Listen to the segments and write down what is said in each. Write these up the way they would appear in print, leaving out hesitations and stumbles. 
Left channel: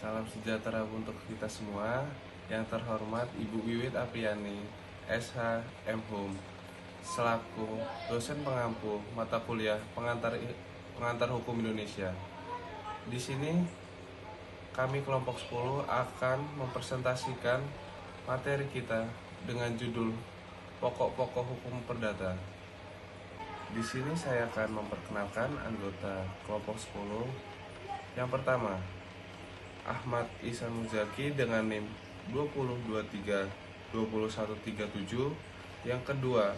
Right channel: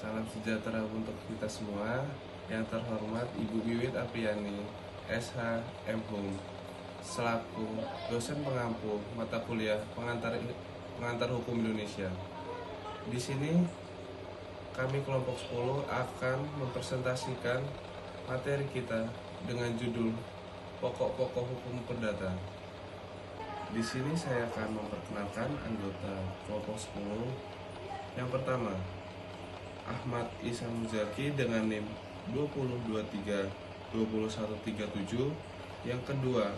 Salam sejahtera untuk kita semua. Yang terhormat Ibu Wiwit Apriani, SH M.Hum, selaku dosen pengampu mata kuliah pengantar hukum Indonesia. Di sini kami kelompok 10 akan mempresentasikan materi kita dengan judul Pokok-pokok Hukum Perdata. Di sini saya akan memperkenalkan anggota kelompok 10. Yang pertama, Ahmad Ihsan Muzaki dengan NIM 2023-2137. Yang kedua,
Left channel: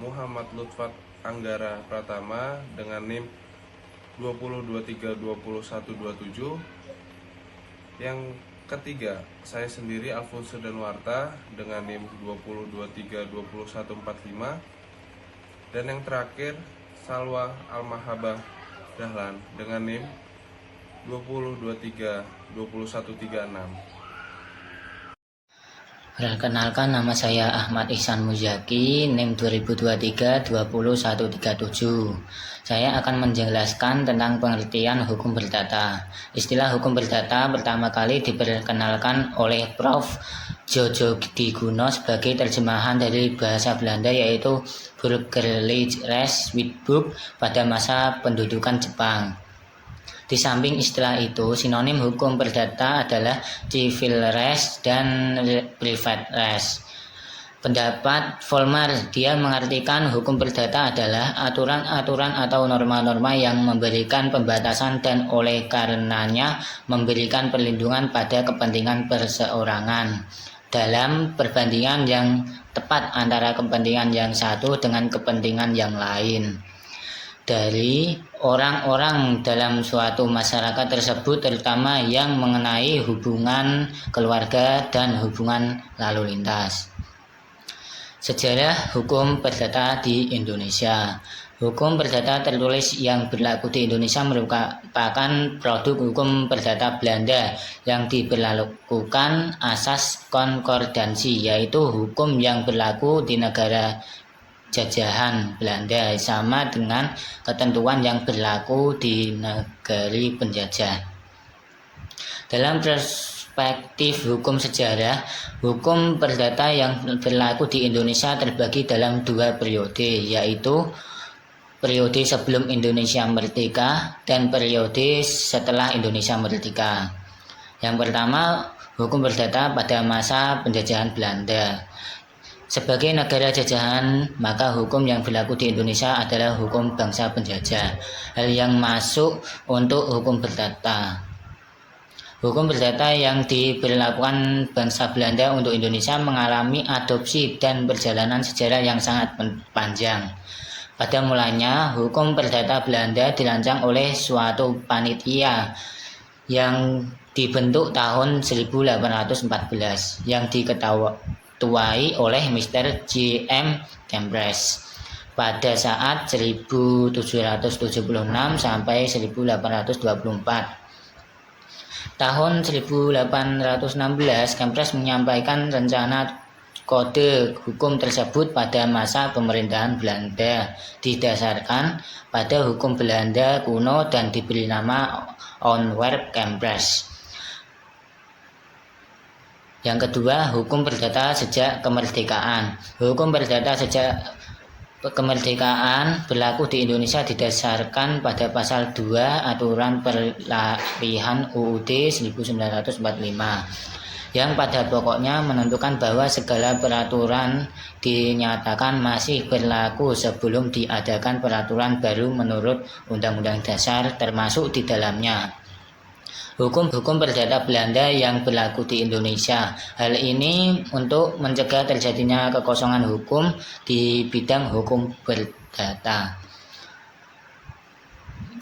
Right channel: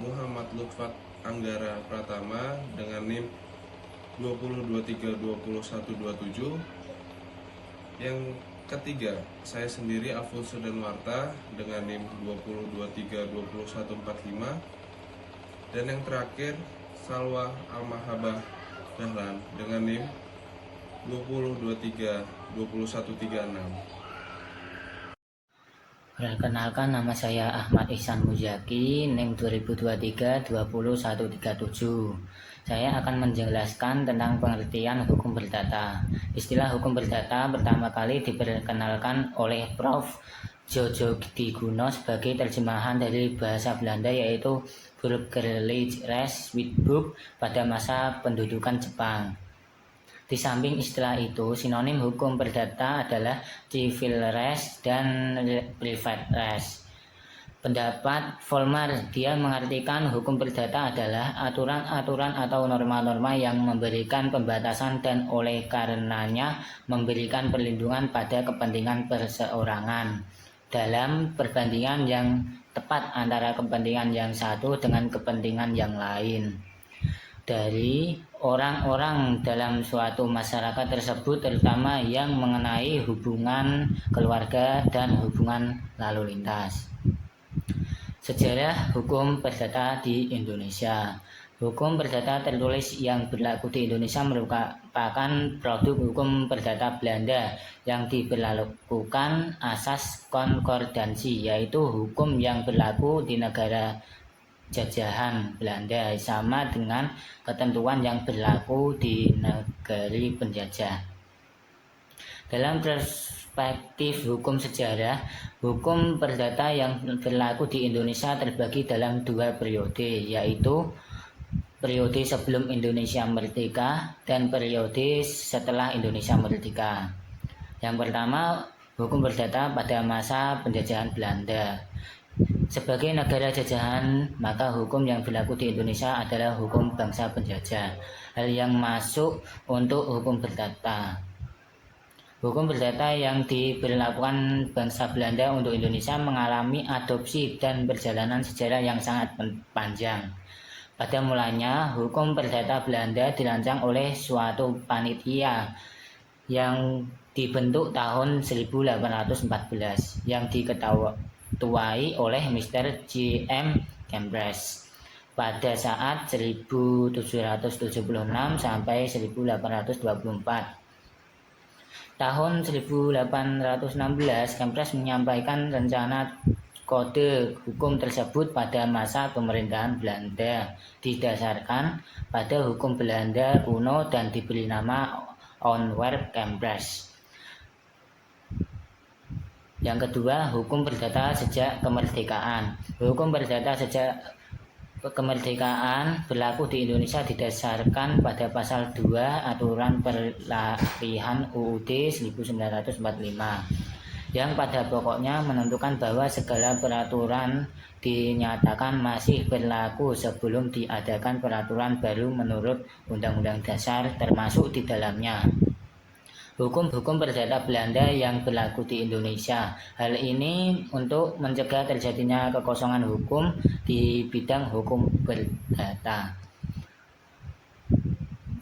Muhammad Lutfat Anggara Pratama dengan NIM 2023-2127. Yang ketiga, saya sendiri Alfonso Danwarta dengan NIM 2023-2145. Dan yang terakhir, Salwa Almahabah Dahlan dengan NIM 2023-2136. Perkenalkan, nama saya Ahmad Ihsan Muzaki, NIM 2023-20137. Saya akan menjelaskan tentang pengertian hukum perdata. Istilah hukum perdata pertama kali diperkenalkan oleh Prof. Jojo Diguno sebagai terjemahan dari bahasa Belanda, yaitu Burgerlijk Recht Wetboek pada masa pendudukan Jepang. Di samping istilah itu, sinonim hukum perdata adalah civil recht dan private recht. Pendapat Vollmer, dia mengartikan hukum perdata adalah aturan-aturan atau norma-norma yang memberikan pembatasan dan oleh karenanya memberikan perlindungan pada kepentingan perseorangan dalam perbandingan yang tepat antara kepentingan yang satu dengan kepentingan yang lain dari orang-orang dalam suatu masyarakat tersebut, terutama yang mengenai hubungan keluarga dan hubungan lalu lintas. Sejarah hukum perdata di Indonesia. Hukum perdata tertulis yang berlaku di Indonesia merupakan produk hukum perdata Belanda yang diberlakukan asas konkordansi, yaitu hukum yang berlaku di negara jajahan Belanda sama dengan ketentuan yang berlaku di negeri penjajah. Dalam perspektif hukum sejarah, hukum perdata yang berlaku di Indonesia terbagi dalam dua periode, yaitu periode sebelum Indonesia merdeka dan periode setelah Indonesia merdeka. Yang pertama, hukum perdata pada masa penjajahan Belanda. Sebagai negara jajahan, maka hukum yang berlaku di Indonesia adalah hukum bangsa penjajah. Hal yang masuk untuk hukum perdata. Hukum perdata yang diberlakukan bangsa Belanda untuk Indonesia mengalami adopsi dan perjalanan sejarah yang sangat panjang. Pada mulanya, hukum perdata Belanda dirancang oleh suatu panitia yang dibentuk tahun 1814 yang diketuai oleh Mr. J.M. Cambridge pada saat 1776 sampai 1824. Tahun 1816, Cambridge menyampaikan rencana kode hukum tersebut pada masa pemerintahan Belanda didasarkan pada hukum Belanda kuno dan diberi nama Ontwerp Cambridge. Yang kedua, hukum perdata sejak kemerdekaan. Hukum perdata sejak kemerdekaan berlaku di Indonesia didasarkan pada pasal 2 Aturan Peralihan UUD 1945 yang pada pokoknya menentukan bahwa segala peraturan dinyatakan masih berlaku sebelum diadakan peraturan baru menurut Undang-Undang Dasar, termasuk di dalamnya hukum-hukum perdata Belanda yang berlaku di Indonesia. Hal ini untuk mencegah terjadinya kekosongan hukum di bidang hukum perdata.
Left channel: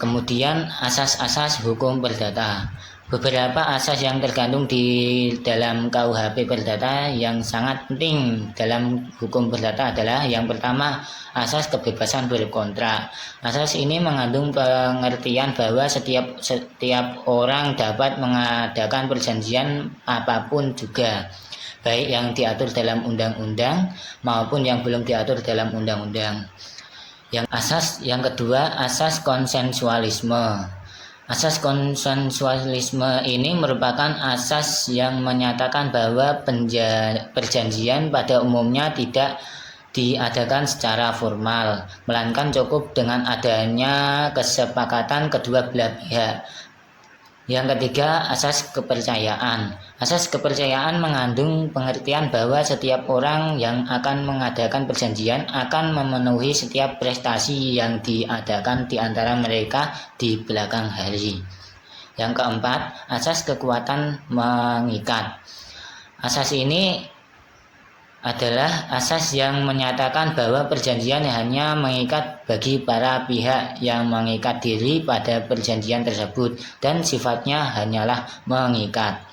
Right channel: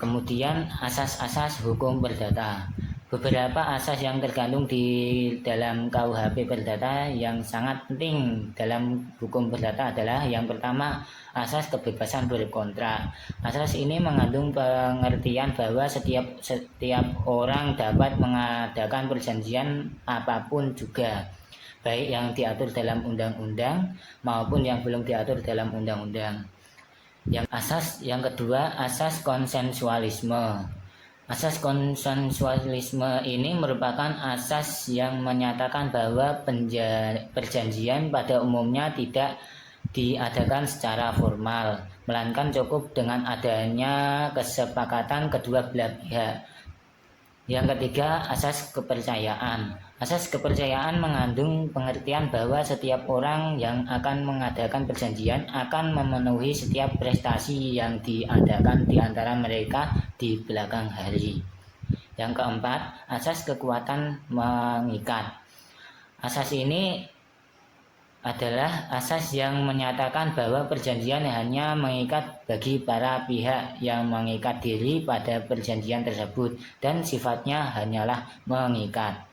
Kemudian asas-asas hukum perdata. Beberapa asas yang tergantung di dalam KUHP Perdata yang sangat penting dalam hukum perdata adalah yang pertama, asas kebebasan berkontrak. Asas ini mengandung pengertian bahwa setiap orang dapat mengadakan perjanjian apapun juga, baik yang diatur dalam undang-undang maupun yang belum diatur dalam undang-undang. Yang kedua, asas konsensualisme. Asas konsensualisme ini merupakan asas yang menyatakan bahwa perjanjian pada umumnya tidak diadakan secara formal, melainkan cukup dengan adanya kesepakatan kedua belah pihak. Yang ketiga, asas kepercayaan. Asas kepercayaan mengandung pengertian bahwa setiap orang yang akan mengadakan perjanjian akan memenuhi setiap prestasi yang diadakan di antara mereka di belakang hari. Yang keempat, asas kekuatan mengikat. Asas ini adalah asas yang menyatakan bahwa perjanjian hanya mengikat bagi para pihak yang mengikat diri pada perjanjian tersebut dan sifatnya hanyalah mengikat.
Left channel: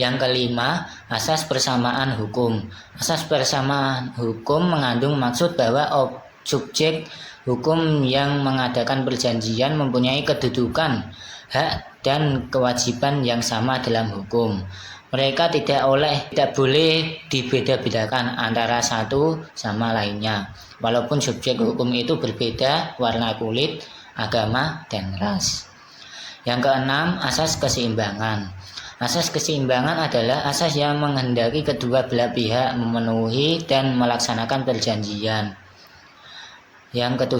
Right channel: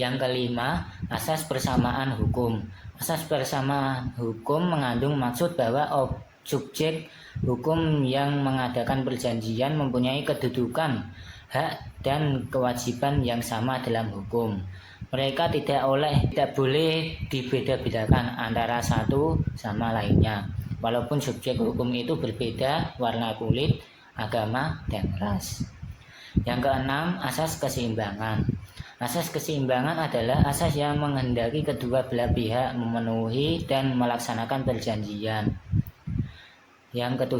Yang kelima, asas persamaan hukum. Asas persamaan hukum mengandung maksud bahwa subjek hukum yang mengadakan perjanjian mempunyai kedudukan, hak, dan kewajiban yang sama dalam hukum. Mereka tidak boleh dibeda-bedakan antara satu sama lainnya, walaupun subjek hukum itu berbeda warna kulit, agama, dan ras. Yang keenam, asas keseimbangan. Asas keseimbangan adalah asas yang menghendaki kedua belah pihak memenuhi dan melaksanakan perjanjian. Yang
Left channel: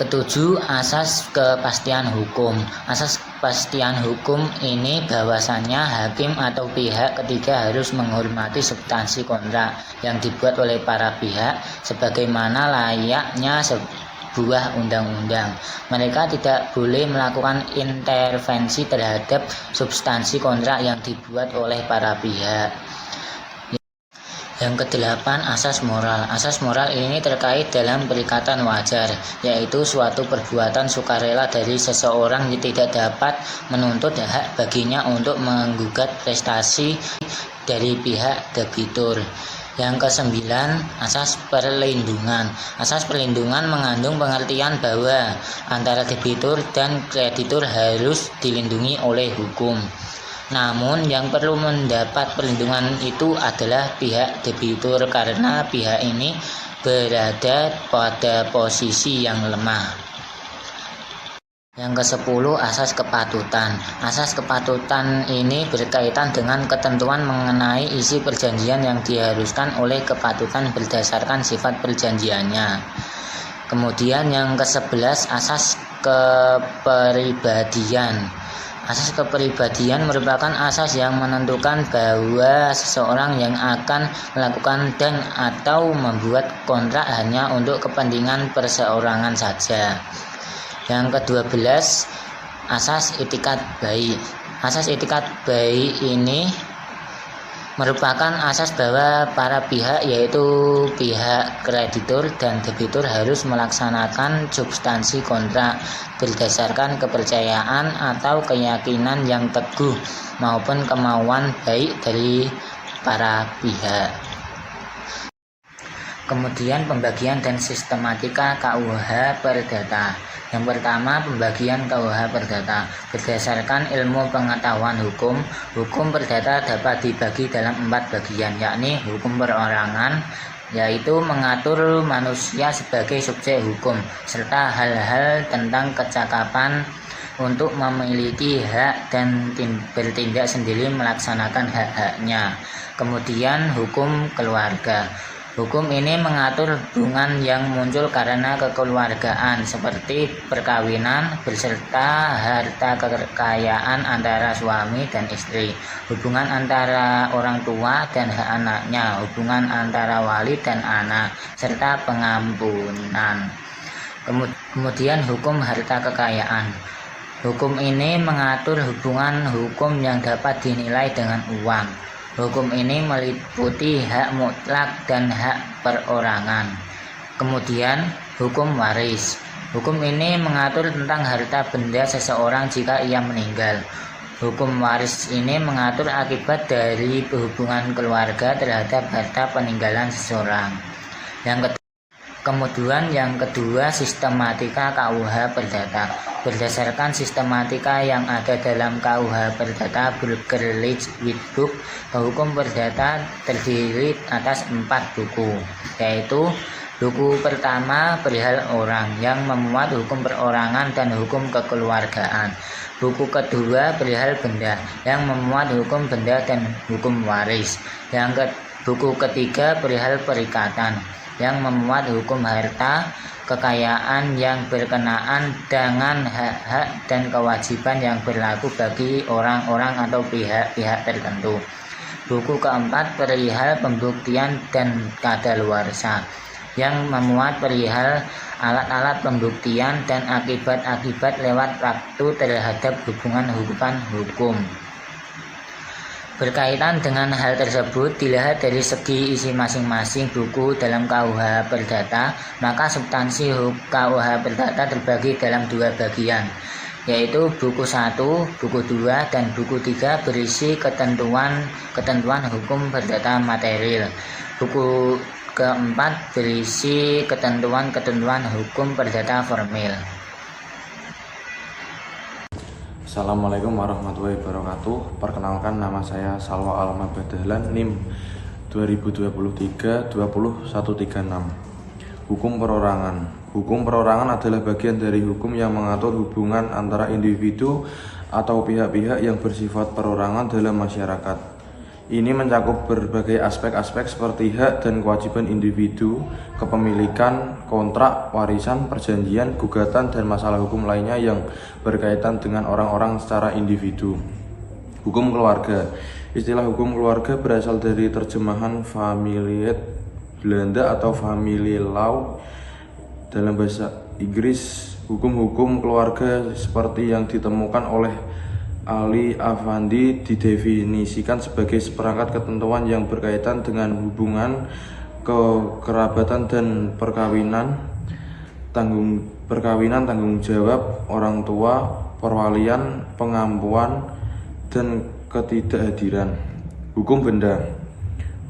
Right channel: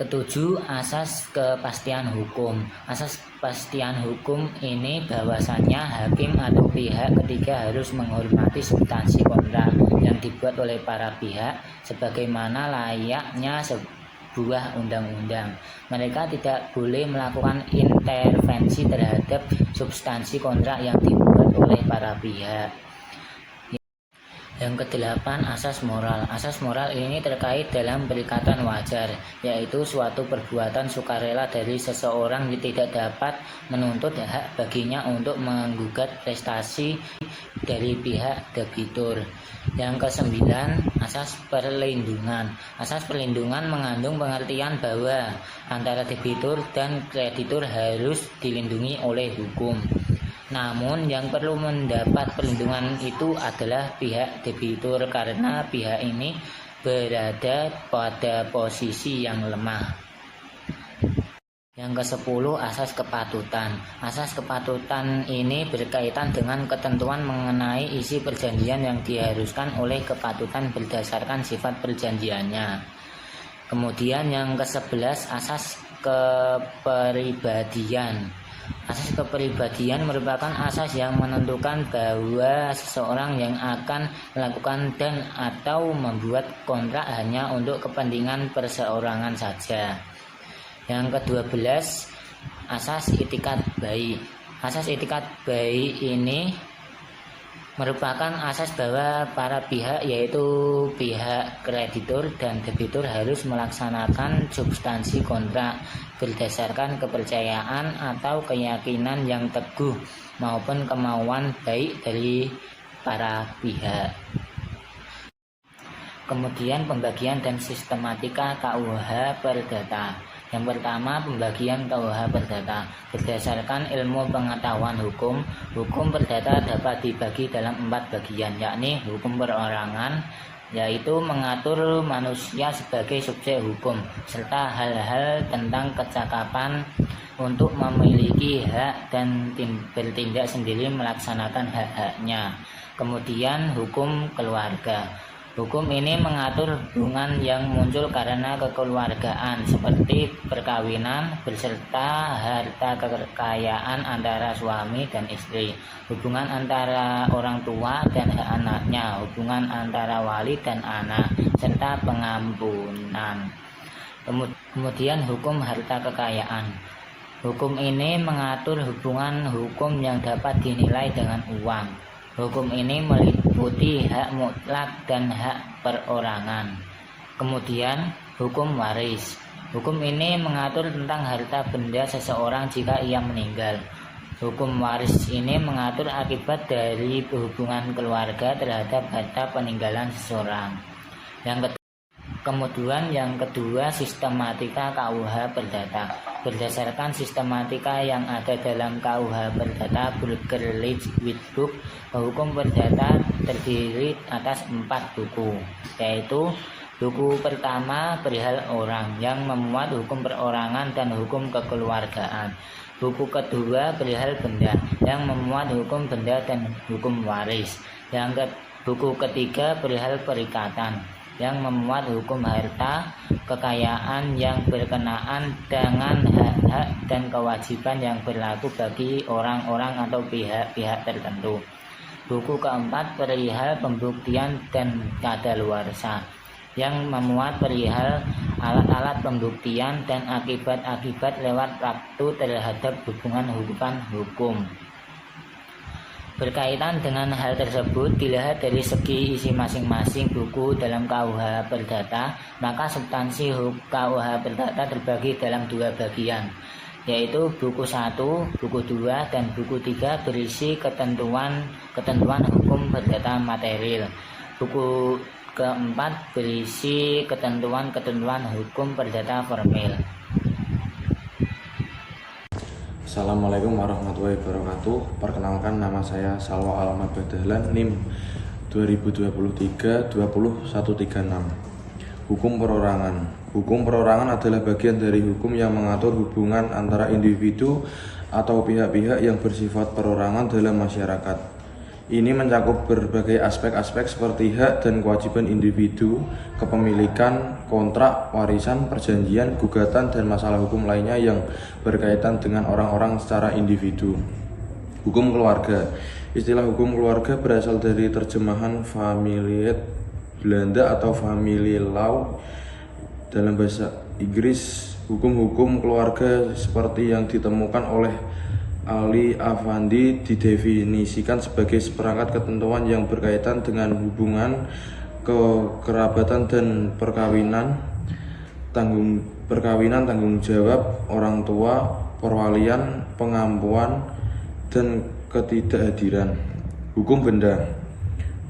ketujuh, asas kepastian hukum. Asas kepastian hukum ini bahwasannya hakim atau pihak ketiga harus menghormati substansi kontrak yang dibuat oleh para pihak sebagaimana layaknya sebuah undang-undang. Mereka tidak boleh melakukan intervensi terhadap substansi kontrak yang dibuat oleh para pihak. Yang kedelapan, asas moral. Asas moral ini terkait dalam perikatan wajar, yaitu suatu perbuatan sukarela dari seseorang yang tidak dapat menuntut hak baginya untuk menggugat prestasi dari pihak debitur. Yang kesembilan, asas perlindungan. Asas perlindungan mengandung pengertian bahwa antara debitur dan kreditur harus dilindungi oleh hukum. Namun yang perlu mendapat perlindungan itu adalah pihak debitur karena pihak ini berada pada posisi yang lemah. Yang ke-10, asas kepatutan. Asas kepatutan ini berkaitan dengan ketentuan mengenai isi perjanjian yang diharuskan oleh kepatutan berdasarkan sifat perjanjiannya. Kemudian yang ke-11, asas kepribadian. Asas kepribadian merupakan asas yang menentukan bahwa seseorang yang akan melakukan dan atau membuat kontrak hanya untuk kepentingan perseorangan saja. Yang ke-12, asas itikat baik. Asas itikat baik ini merupakan asas bahwa para pihak yaitu pihak kreditur dan debitur harus melaksanakan substansi kontrak berdasarkan kepercayaan atau keyakinan yang teguh maupun kemauan baik dari para pihak. Kemudian pembagian dan sistematika KUH Perdata. Yang pertama, pembagian KUH Perdata. Berdasarkan ilmu pengetahuan hukum, hukum perdata dapat dibagi dalam 4 bagian, yakni hukum perorangan, yaitu mengatur manusia sebagai subjek hukum, serta hal-hal tentang kecakapan untuk memiliki hak dan bertindak sendiri melaksanakan hak-haknya. Kemudian hukum keluarga. Hukum ini mengatur hubungan yang muncul karena kekeluargaan seperti perkawinan beserta harta kekayaan antara suami dan istri, hubungan antara orang tua dan hak anaknya, hubungan antara wali dan anak, serta pengampunan. Kemudian hukum harta kekayaan. Hukum ini mengatur hubungan hukum yang dapat dinilai dengan uang. Hukum ini meliputi hak mutlak dan hak perorangan. Kemudian hukum waris. Hukum ini mengatur tentang harta benda seseorang jika ia meninggal. Hukum waris ini mengatur akibat dari hubungan keluarga terhadap harta peninggalan seseorang. Kemudian yang kedua, sistematika KUH Perdata. Berdasarkan sistematika yang ada dalam KUH Perdata Bürgerlich Witbook, hukum perdata terdiri atas 4 buku, yaitu Buku pertama perihal orang yang memuat hukum perorangan dan hukum kekeluargaan. Buku kedua perihal benda yang memuat hukum benda dan hukum waris. Buku ketiga perihal perikatan yang memuat hukum harta, kekayaan yang berkenaan dengan hak-hak dan kewajiban yang berlaku bagi orang-orang atau pihak-pihak tertentu. Buku keempat perihal pembuktian dan kadaluarsa yang memuat perihal alat-alat pembuktian dan akibat-akibat lewat waktu terhadap hubungan-hubungan hukum. Berkaitan dengan hal tersebut, dilihat dari segi isi masing-masing buku dalam KUH Perdata, maka substansi KUH Perdata terbagi dalam dua bagian, yaitu buku 1, buku 2, dan buku 3 berisi ketentuan hukum perdata material. Buku keempat berisi ketentuan hukum perdata formil. Assalamualaikum warahmatullahi wabarakatuh. Perkenalkan, nama saya Salwa Alamat Badahlan, NIM 2023-20136. Hukum perorangan. Hukum perorangan adalah bagian dari hukum yang mengatur hubungan antara individu atau pihak-pihak yang bersifat perorangan dalam masyarakat. Ini mencakup berbagai aspek-aspek seperti hak dan kewajiban individu, kepemilikan, kontrak, warisan, perjanjian, gugatan, dan masalah hukum lainnya yang berkaitan dengan orang-orang secara individu. Hukum keluarga. Istilah hukum keluarga berasal dari terjemahan familiet Belanda atau family law dalam bahasa Inggris. Hukum-hukum keluarga seperti yang ditemukan oleh Ali Afandi didefinisikan sebagai seperangkat ketentuan yang berkaitan dengan hubungan kekerabatan dan perkawinan, tanggung jawab orang tua, perwalian, pengampuan, dan ketidakhadiran. Hukum benda.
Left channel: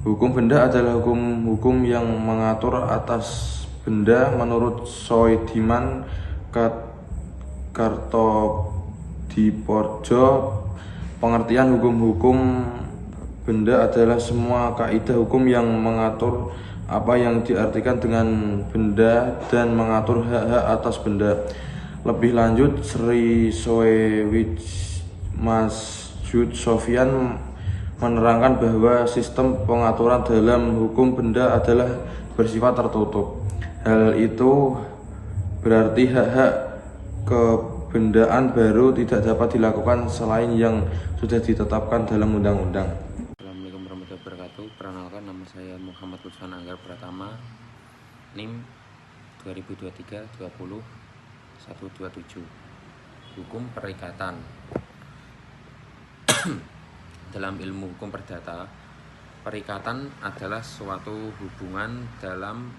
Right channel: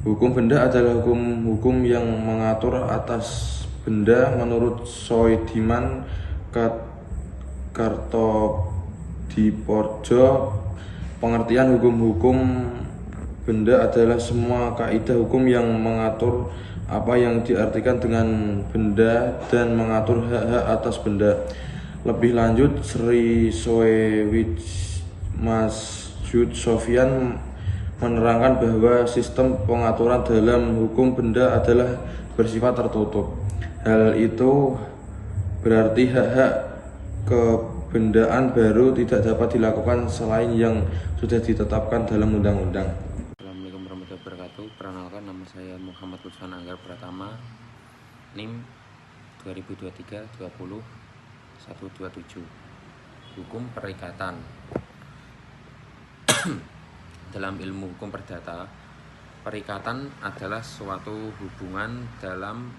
Hukum benda adalah hukum yang mengatur atas benda menurut Soediman Kartodiporjo. Pengertian hukum-hukum benda adalah semua kaidah hukum yang mengatur apa yang diartikan dengan benda dan mengatur hak-hak atas benda. Lebih lanjut, Sri Soewij Masjud Sofyan menerangkan bahwa sistem pengaturan dalam hukum benda adalah bersifat tertutup. Hal itu berarti hak-hak kebendaan baru tidak dapat dilakukan selain yang sudah ditetapkan dalam undang-undang. Assalamualaikum warahmatullahi wabarakatuh. Perkenalkan, nama saya Muhammad Lutfan Anggar Pratama, NIM 2023-20127. Hukum perikatan. Dalam ilmu hukum perdata, perikatan adalah suatu hubungan dalam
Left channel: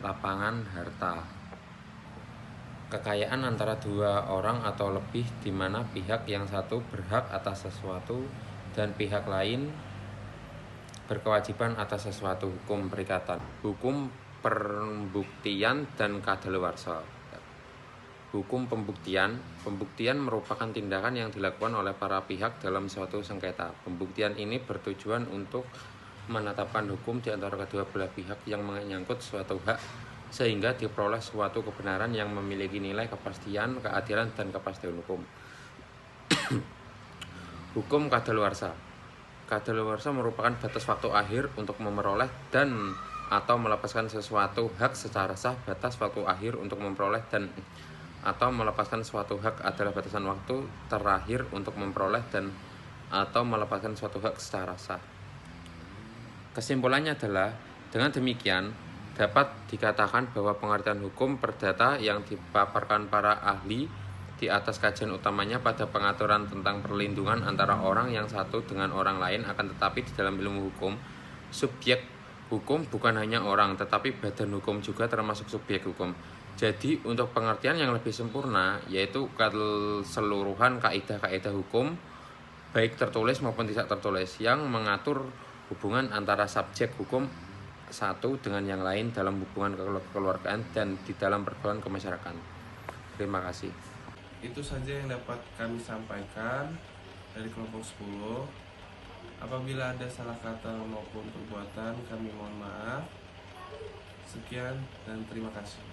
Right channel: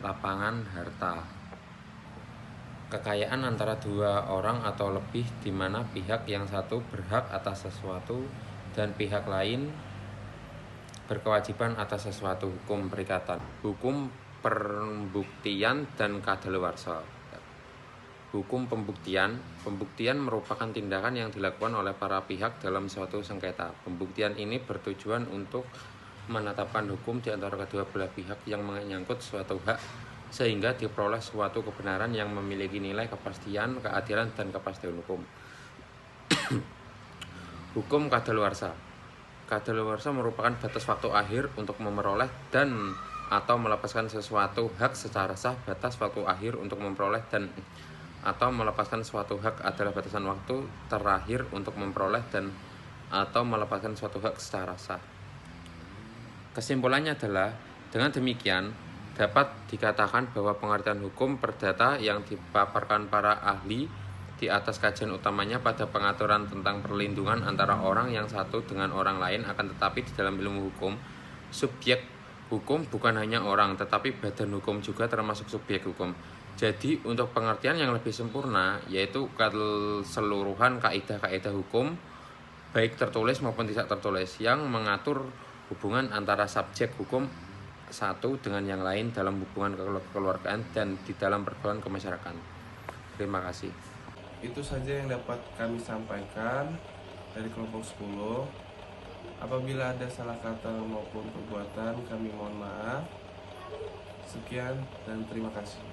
lapangan harta, kekayaan antara dua orang atau lebih, di mana pihak yang satu berhak atas sesuatu dan pihak lain berkewajiban atas sesuatu. Hukum perikatan. Hukum pembuktian dan kadaluarsa. Hukum pembuktian merupakan tindakan yang dilakukan oleh para pihak dalam suatu sengketa. Pembuktian ini bertujuan untuk menetapkan hukum di antara kedua belah pihak yang menyangkut suatu hak, sehingga diperoleh suatu kebenaran yang memiliki nilai kepastian, keadilan, dan kepastian hukum. Hukum kadaluarsa. Kadaluarsa merupakan batas waktu akhir untuk memperoleh dan atau melepaskan sesuatu hak secara sah. Batas waktu akhir untuk memperoleh dan atau melepaskan suatu hak adalah batasan waktu terakhir untuk memperoleh dan atau melepaskan suatu hak secara sah. Kesimpulannya adalah, dengan demikian dapat dikatakan bahwa pengertian hukum perdata yang dipaparkan para ahli di atas kajian utamanya pada pengaturan tentang perlindungan antara orang yang satu dengan orang lain. Akan tetapi di dalam ilmu hukum, subjek hukum bukan hanya orang, tetapi badan hukum juga termasuk subjek hukum. Jadi untuk pengertian yang lebih sempurna, yaitu keseluruhan kaidah-kaidah hukum, baik tertulis maupun tidak tertulis, yang mengatur hubungan antara subjek hukum satu dengan yang lain dalam hubungan kekeluargaan dan di dalam pergaulan kemasyarakatan. Terima kasih. Itu saja yang dapat kami sampaikan dari kelompok 10. Apabila ada salah kata maupun perbuatan, kami mohon maaf. Sekian dan terima kasih.